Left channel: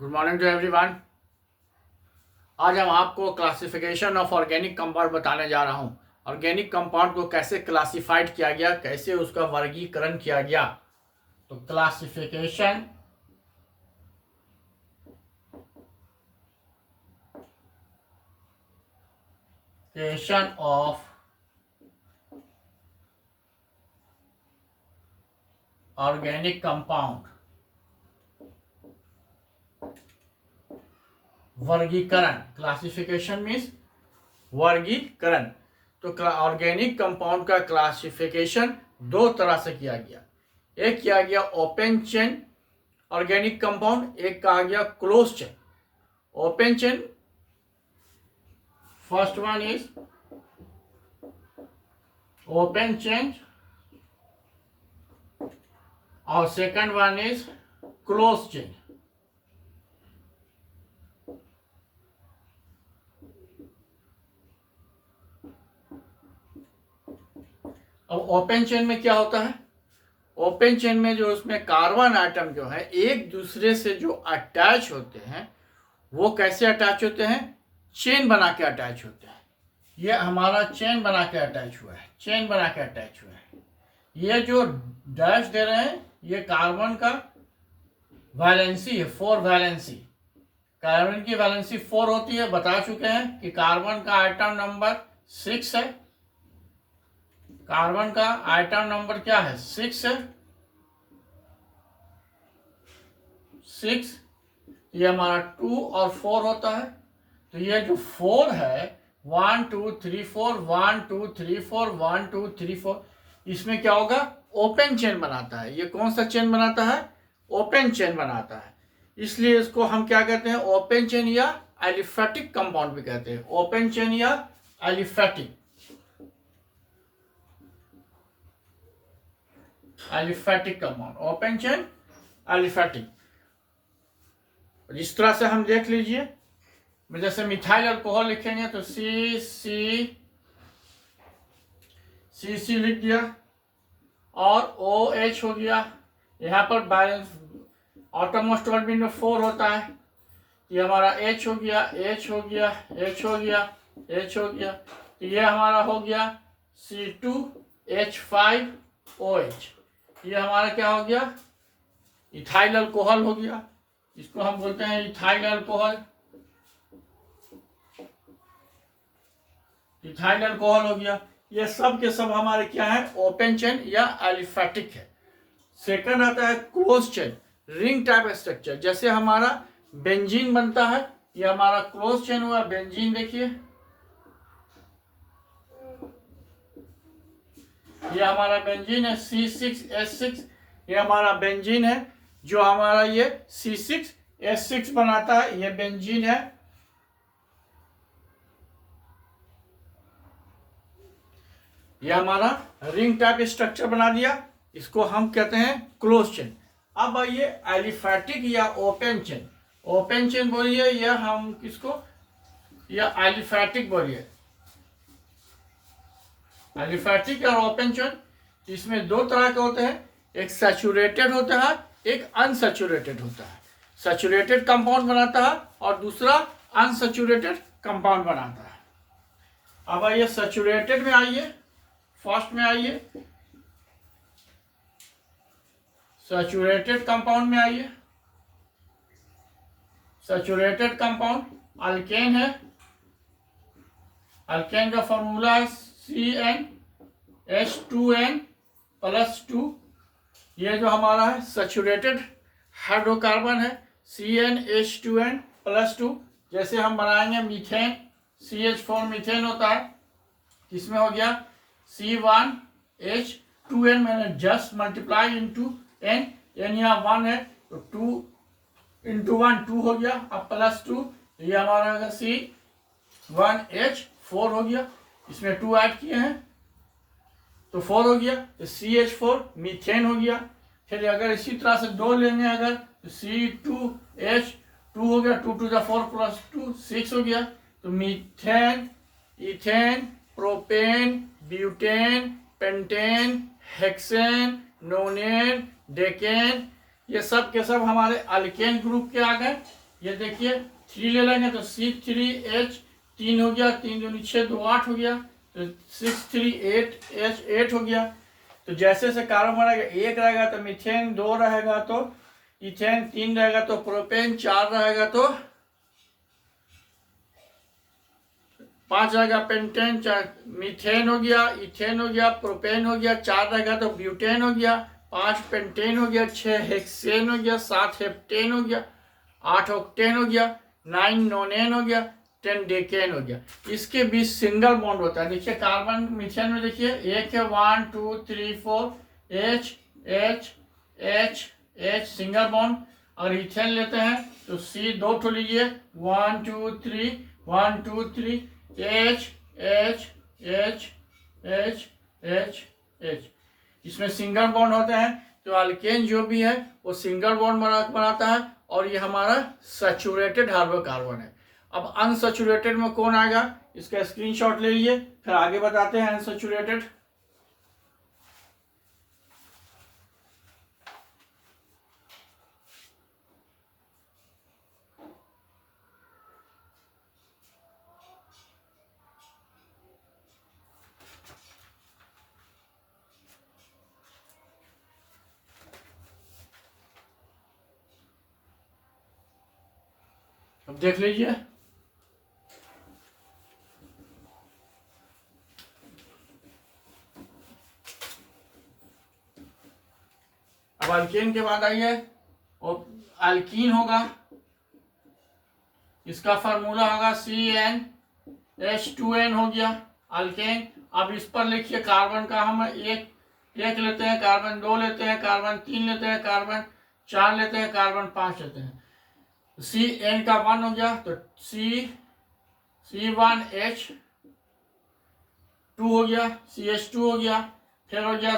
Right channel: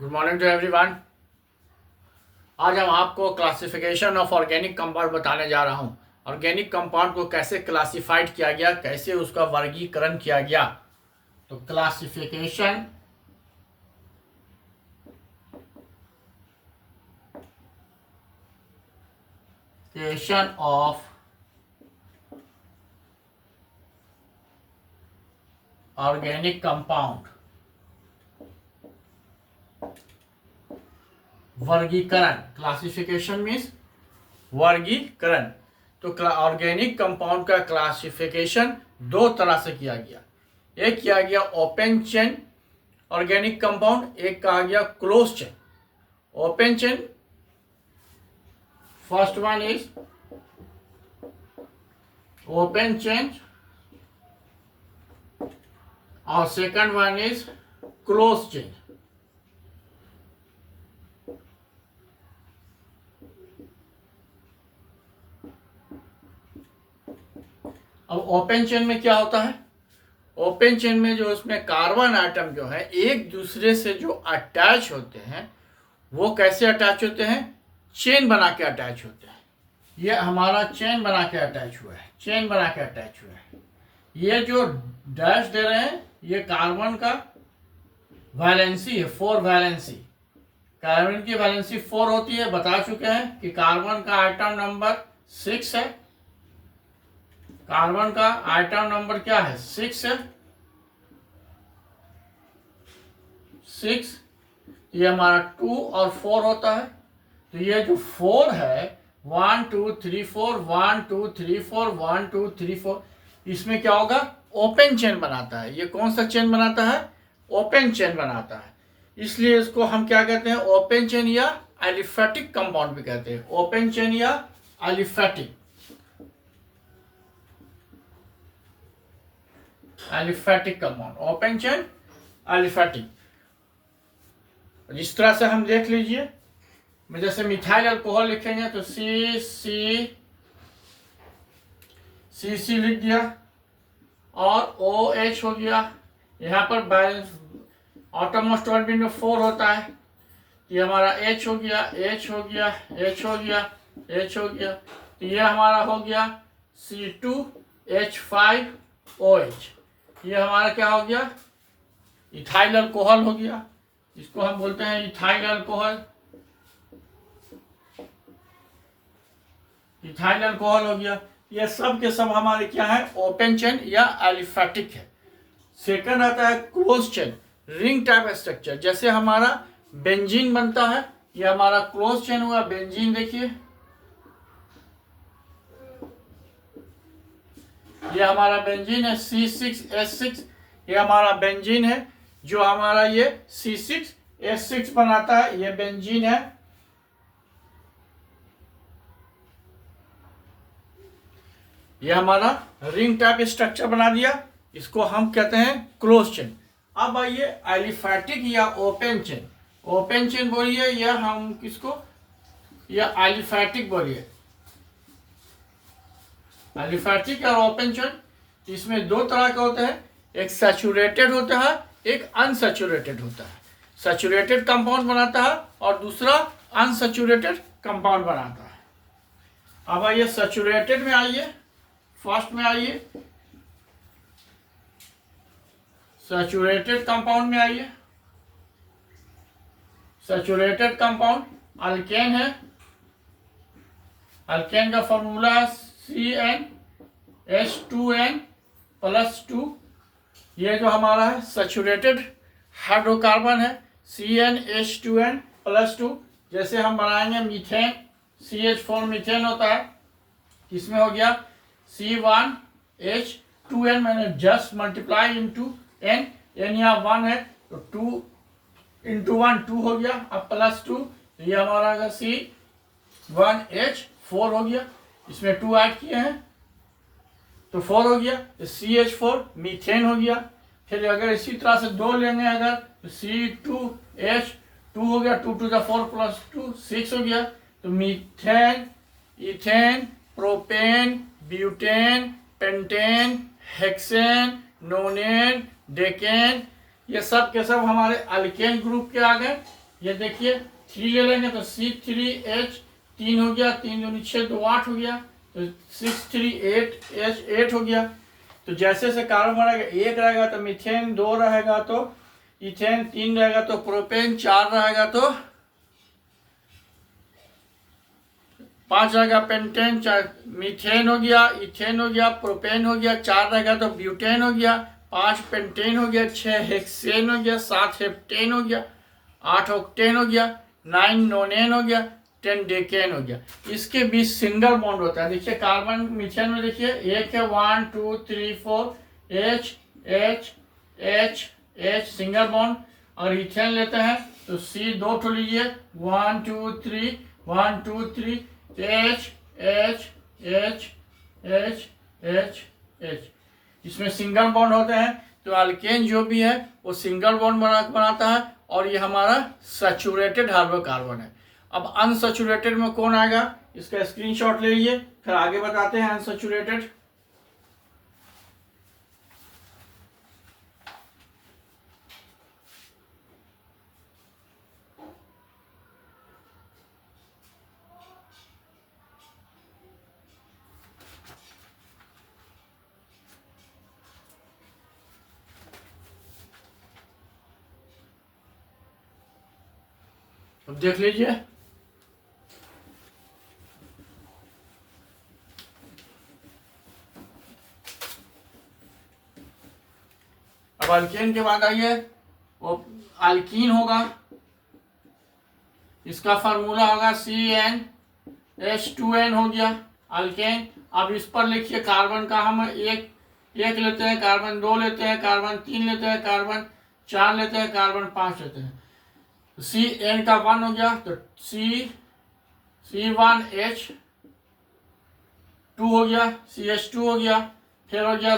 Good morning to everyone. आज हम आपको क्लासिफिकेशन ऑफ ऑर्गेनिक कंपाउंड बताने जा रहा हूँ। ऑर्गेनिक कंपाउंड को कैसे क्लासिफाइड किया गया, कैसे उसका वर्गीकरण किया गया। तो क्लासिफिकेशन ऑफ ऑर्गेनिक कंपाउंड, वर्गीकरण। क्लासिफिकेशन मीन्स वर्गीकरण। तो ऑर्गेनिक कंपाउंड का क्लासिफिकेशन दो तरह से किया गया। एक किया गया ओपन चेन ऑर्गेनिक कंपाउंड, एक कहा गया close chain. Open chain, first one is open chain और second one is close chain. अब ओपन चेन में क्या होता है? ओपन चेन में जो उसमें कार्बन आइटम जो है एक दूसरे से जो अटैच होते हैं, वो कैसे अटैच होते हैं? चेन बना के अटैच होते हैं। ये हमारा चेन बना के अटैच हुआ है, चेन बना के अटैच हुआ है। ये जो डैश दे रहे हैं ये कार्बन का वैलेंसी है, 4 वैलेंसी। कार्बन की वैलेंसी 4 होती है। बता चुके हैं कि कार्बन का आइटम नंबर 6 है। कार्बन का आइटम नंबर क्या है? 6 है। 6, ये हमारा 2 और 4 होता है। तो ये जो 4 है 1 2 3 4 1 2 3 4 1 2 3 4, इसमें क्या होगा? ओपन चेन बनाता है। ये कौन सा चेन बनाता है? ओपन चेन बनाता है। इसलिए इसको हम क्या कहते हैं? ओपन चेन या एलिफेटिक कंपाउंड भी कहते हैं। ओपन चेन या aliphatic, aliphatic compound, open chain aliphatic. जिस तरह से हम देख लीजिए, जैसे मिथाइल अल्कोहल लिखेंगे तो सी लिख दिया और OH हो गया। यहाँ पर बैलेंस ऑटोमोस्ट ऑर्बिट में 4 होता है। ये हमारा H हो गया, H हो गया, H हो गया, H हो गया। तो ये हमारा हो गया C2H5OH। ये हमारा क्या हो गया? इथाइल अल्कोहल हो गया। इसको हम बोलते हैं इथाइल अल्कोहल। इथाइल अल्कोहल हो गया। ये सब के सब हमारे क्या है? ओपन चेन या एलिफेटिक है। सेकंड आता है close chain, ring type structure. जैसे हमारा बेंजीन बनता है, ये हमारा क्लोज चेन हुआ। बेंजीन देखिए, ये हमारा बेंजीन है C6H6। ये हमारा बेंजीन है जो हमारा ये C6H6 बनाता है। ये बेंजीन है। ये हमारा रिंग टाइप स्ट्रक्चर बना दिया। इसको हम कहते हैं क्लोज चेन। अब आइए एलिफेटिक या ओपन चेन। ओपन चेन बोलिए या हम किसको, या एलिफेटिक बोलिए। एलिफेटिक और ओपन चेन, इसमें दो तरह के होते हैं। एक सैचुरेटेड होता है, एक अनसैचुरेटेड होता है। सैचुरेटेड कंपाउंड बनाता है और दूसरा अनसैचुरेटेड कंपाउंड बनाता है। अब आइए सैचुरेटेड में आइए, फर्स्ट में आइए, सैचुरेटेड कंपाउंड में आइए। सैचुरेटेड कंपाउंड अल्केन है। अल्केन का फॉर्मूला है CnH2n+2। ये जो हमारा है सैचुरेटेड हाइड्रोकार्बन है, CnH2n+2। जैसे हम बनाएंगे मीथेन, CH4 मीथेन होता है। इसमें हो गया C1H2n, मैंने जस्ट मल्टीप्लाई इंटू n, यहाँ 1 है तो 2 इंटू 1 2 हो गया। अब +2, तो ये हमारा C1H4 हो गया। इसमें 2 ऐड किए हैं तो 4 हो गया। तो CH4 मीथेन हो गया। फिर अगर इसी तरह से 2 लेंगे अगर तो C2H2 हो गया। 2 2 4 +2 6 हो गया। तो methane, ethane, propane, butane, pentane, hexane, नोनेन, decane, ये सब के सब हमारे अल्केन ग्रुप के आ गए। ये देखिए 3 ले लेंगे तो C3H 3 हो गया, 3 दूनी 6, 2 8 हो गया, तो 638H 8 हो गया। तो जैसे जैसे कार्बन बढ़ेगा 1 रहेगा तो मीथेन 2 रहेगा तो इथेन 3 रहेगा तो प्रोपेन 4 रहेगा तो 5 रहेगा पेंटेन, मीथेन हो गया, इथेन हो गया, प्रोपेन हो गया, 4 रहेगा तो ब्यूटेन हो गया, 5 पेंटेन हो गया, 6 हेक्सेन हो गया, 7 हेप्टेन हो गया, 8 ऑक्टेन हो गया, 9 नोनेन हो गया, 10 डेकेन हो गया। इसके बीच सिंगल बॉन्ड होता है। देखिए कार्बन मीथेन में देखिए एक है 1 2 3 4 H H H H single bond. अगर इथेन लेते हैं तो C 2 ठो लीजिए 1 2 3 1 2 3 H H H H H H। इसमें सिंगल बॉन्ड होते हैं। तो अल्केन जो भी है वो सिंगल बॉन्ड बनाता है और ये हमारा सैचुरेटेड हाइड्रोकार्बन है। अब अनसैचुरेटेड में कौन आएगा, इसका स्क्रीनशॉट ले लीजिए, फिर आगे बताते हैं अनसैचुरेटेड। अब देख लीजिए अब अल्केन के बाद आइए वो अल्कीन होगा, इसका फार्मूला होगा CnH2n हो गया अल्केन। अब इस पर लिखिए कार्बन का हम एक लेते हैं, कार्बन 2 लेते हैं, कार्बन 3 लेते हैं, कार्बन 4 लेते हैं, कार्बन 5 लेते हैं। Cn का 1 हो गया तो C1H2 हो गया, CH2 हो गया, फिर हो गया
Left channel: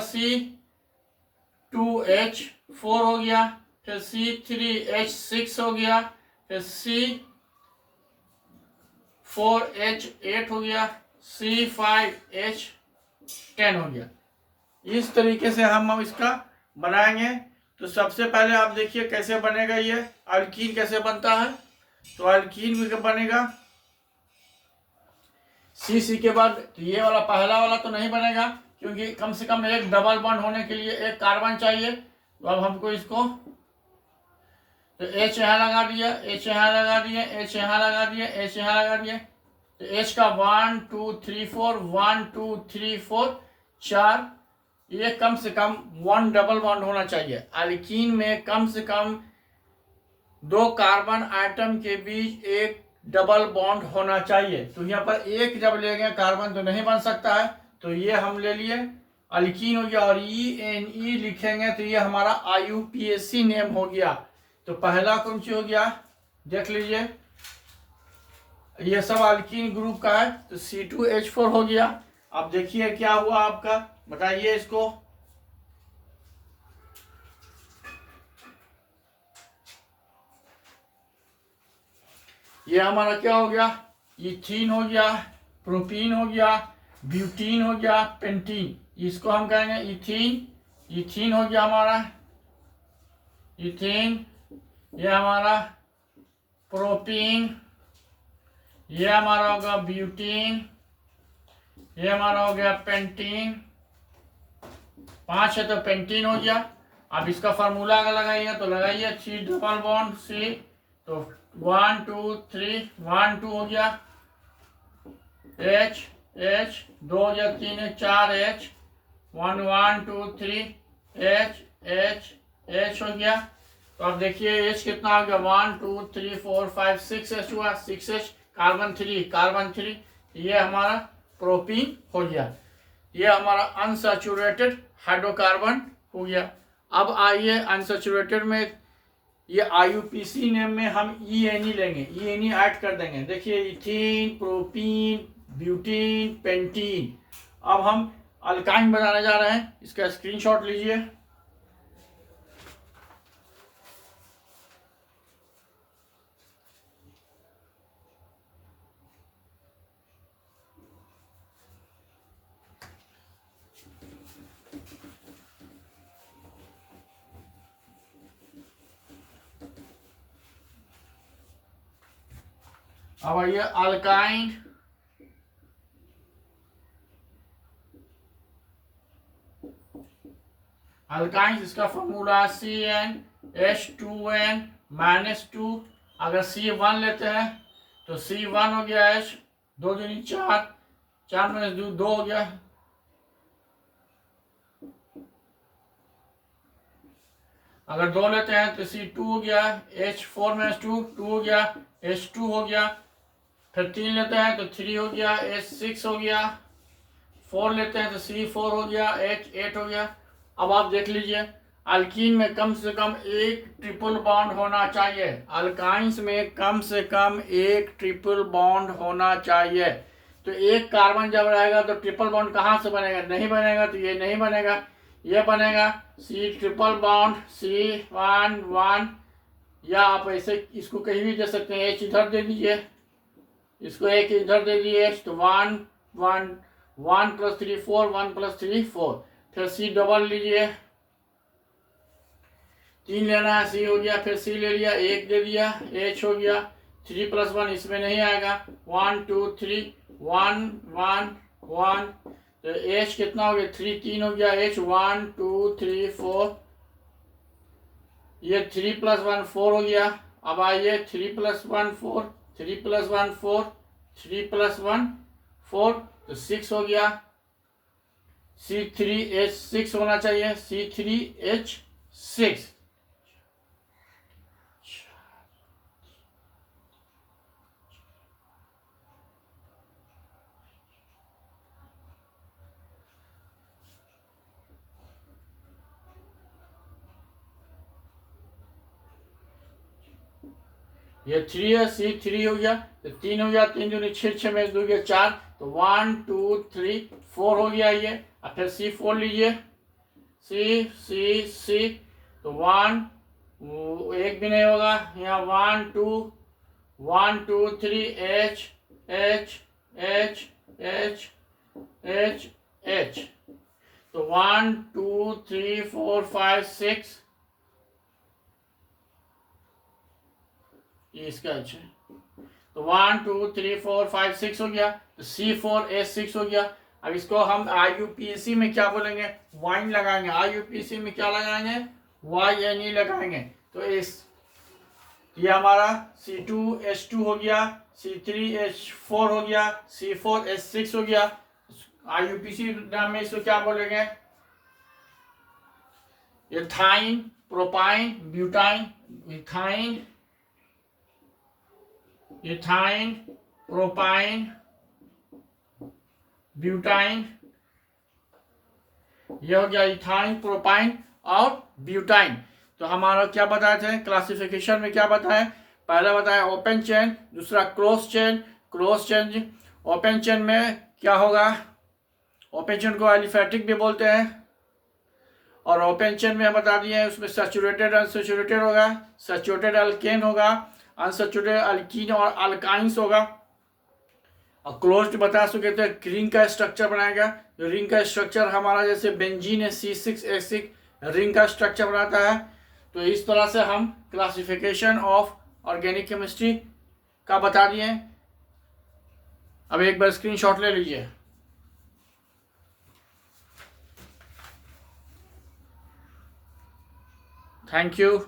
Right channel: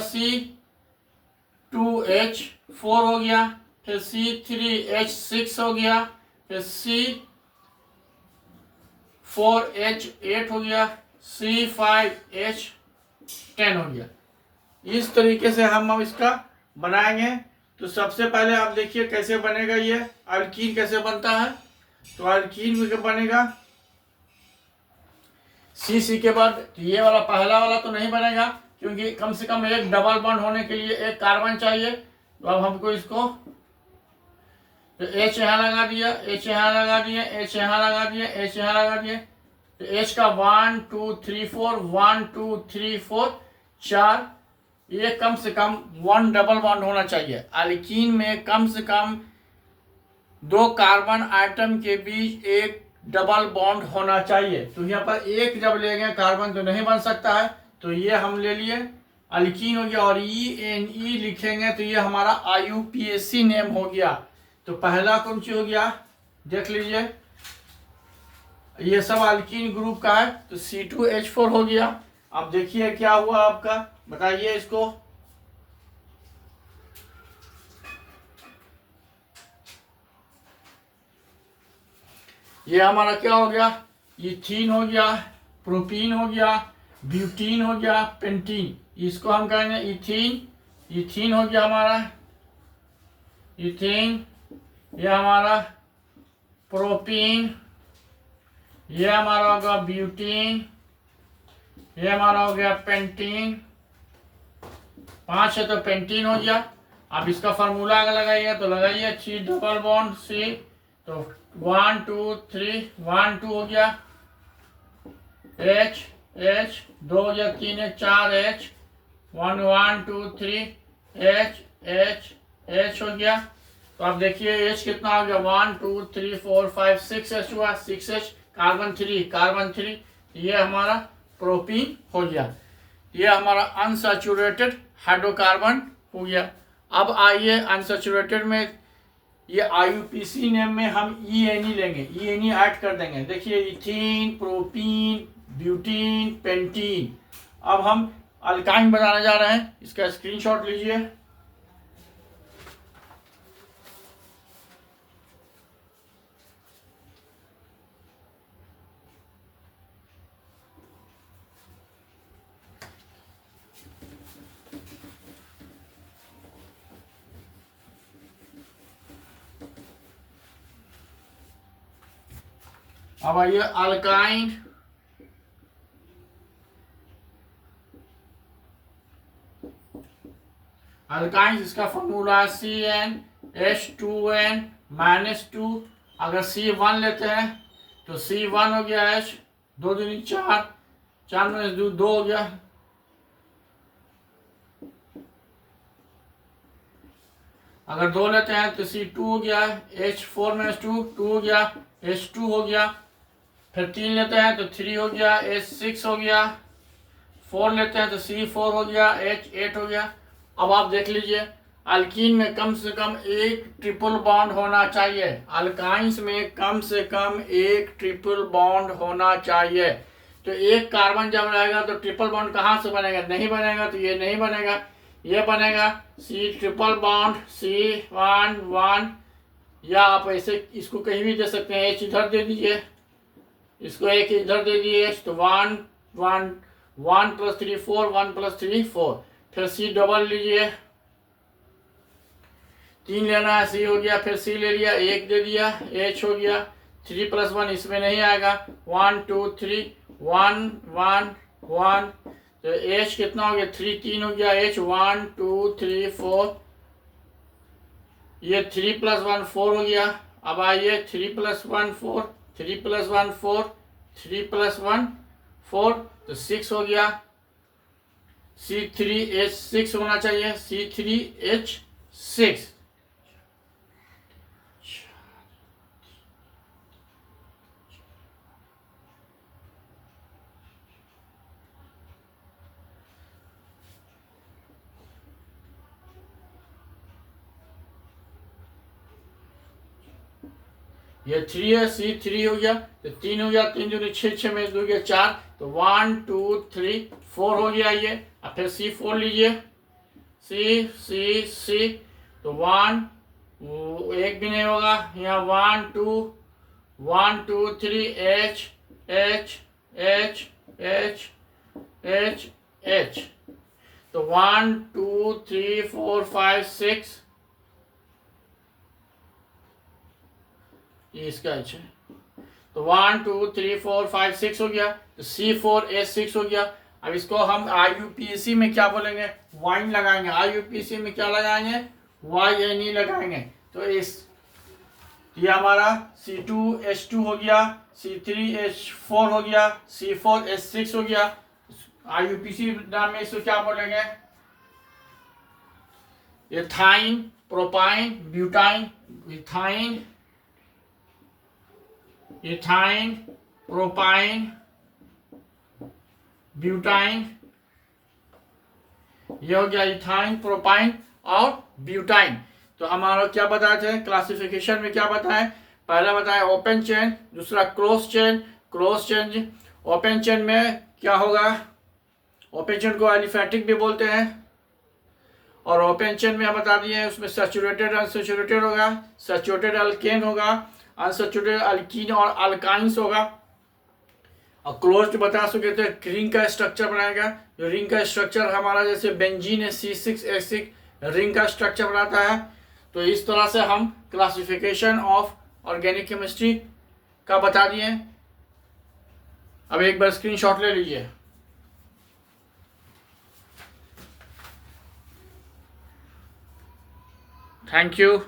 C2H4 हो गया, फिर C3H6 हो गया, फिर C4H8 हो गया, C5H10 हो गया। इस तरीके से हम अब इसका बनाएंगे। तो सबसे पहले आप देखिए कैसे बनेगा ये अल्कीन कैसे बनता है। तो अल्कीन में क्या बनेगा, सी के बाद तो ये वाला पहला वाला तो नहीं बनेगा क्योंकि कम से कम एक डबल बॉन्ड होने के लिए एक कार्बन चाहिए। तो अब हमको इसको तो H यहाँ लगा दिया, H यहाँ लगा दिया, H यहाँ लगा दिया, H यहाँ लगा दिया। तो H का 1 2 3 4 1 2 3 4 4, ये कम से कम 1 डबल बॉन्ड होना चाहिए। अल्कीन में कम से कम 2 कार्बन आइटम के बीच एक डबल बॉन्ड होना चाहिए। तो यहाँ पर एक जब लेंगे कार्बन तो नहीं बन सकता है, तो ये हम ले लिए अल्कीन हो गया। और ENE लिखेंगे तो ये हमारा IUPAC नेम हो गया। तो पहला कौन सी हो गया देख लीजिए, ये सब अल्कीन ग्रुप का है। तो C2H4 हो गया। अब देखिए क्या हुआ आपका, बताइए इसको। ये हमारा क्या हो गया, इथीन हो गया, प्रोपीन हो गया, ब्यूटीन हो गया, पेंटीन। इसको हम कहेंगे इथीन। इथीन हो गया हमारा इथीन। ये हमारा प्रोपीन, ये हमारा होगा ब्यूटीन, ये हमारा हो गया पेंटीन। 5 है तो पेंटीन हो गया। अब इसका फार्मूला अगर लगाइएगा तो लगाइए 3 डबल बॉन्ड C। तो 1 2 3 1 2 हो गया, H H 2 हो गया, 3 है 4 H 1 1 2 3 H H H हो गया। तो अब देखिए H कितना हो गया 1 2 3 4 5 6 H हुआ, 6 H कार्बन 3 ये हमारा प्रोपीन हो गया। ये हमारा अनसैचुरेटेड हाइड्रोकार्बन हो गया। अब आइए अनसैचुरेटेड में ये IUPAC नेम में हम ENE लेंगे, ENE ऐड कर देंगे। देखिए इथीन, प्रोपीन, ब्यूटीन, पेंटीन। अब हम अल्काइन बनाने जा रहे हैं, इसका स्क्रीनशॉट लीजिए। अब आइए अल्काइन, अल्काइन इसका फॉर्मूला CnH2n-2। अगर C1 लेते हैं तो C1 हो गया H, 2 दूनी 4, 4 में 2 हो गया। अगर 2 लेते हैं तो C2 हो गया, H4 में 2 हो गया, H2 हो गया। फिर 3 लेते हैं तो 3 हो गया, H6 हो गया। 4 लेते हैं तो C4 हो गया, H8 हो गया। अब आप देख लीजिए, अल्कीन में कम से कम एक ट्रिपल बॉन्ड होना चाहिए, अल्काइंस में कम से कम एक ट्रिपल बॉन्ड होना चाहिए। तो एक कार्बन जब रहेगा तो ट्रिपल बॉन्ड कहाँ से बनेगा? नहीं बनेगा, तो ये नहीं बनेगा, ये बनेगा C ट्रिपल बॉन्ड C1 या आप ऐसे इसको कहीं भी दे सकते हैं। H इधर दे दीजिए, इसको एक इधर दे दीजिए, तो 1 + 3 4, 1 + 3 4। फिर C डबल लीजिए, 3 लेना है, C हो गया। फिर C ले लिया, 1 दे दिया, H हो गया। 3 + 1 इसमें नहीं आएगा, 1 2 3 1 1 1। तो H कितना हो गया? 3 3 हो गया, H 1 2 3 4। ये 3 + 1 4 हो गया। अब आइए 3 + 1 4, 3 + 1 4, 3 + 1 4, तो 6 हो गया। C3H6 होना चाहिए, C3H6। ये 3 है, C3 हो गया, तो 3 हो गया, 3 दूनी 6, 6 में 2 हो गया 4, तो 1 2 3 4 हो गया ये। अब फिर C4 लीजिए, C, तो 1 एक भी नहीं होगा यहाँ, 1 2 1 2 3 H H H H H H। तो 1 2 3 4 5 6, ये इसका H है। तो 1 2 3 4 5 6 हो गया, तो C4H6 हो गया। अब इसको हम IUPAC में क्या बोलेंगे? वाइन लगाएंगे। IUPAC में क्या लगाएंगे? YNE लगाएंगे। तो ये हमारा C2H2 हो गया, C3H4 हो गया, C4H6 हो गया। IUPAC नाम में इसको क्या बोलेंगे? Ethyne, propyne, butyne. Ethyne, propyne, butyne. ये हो गया इथाइन, प्रोपाइन और ब्यूटाइन। तो हमारा क्या बताए थे क्लासिफिकेशन में? क्या बताए? पहला बताया ओपन चेन, दूसरा क्लोज चेन। ओपन चेन में क्या होगा? ओपन चेन को एलिफेटिक भी बोलते हैं। और ओपन चेन में हम बता दिए उसमें सैचुरेटेड, अनसैचुरेटेड होगा, सैचुरेटेड अल्केन होगा, अनसैचुरेटेड अल्कीन और अल्काइंस होगा। और क्लोज्ड बता सके थे रिंग का स्ट्रक्चर बनाएगा। जो रिंग का स्ट्रक्चर हमारा जैसे बेंजीन है C6H6 रिंग का स्ट्रक्चर बनाता है। तो इस तरह से हम क्लासिफिकेशन ऑफ ऑर्गेनिक केमिस्ट्री का बता दिए। अब एक बार स्क्रीनशॉट ले लीजिए। Thank you.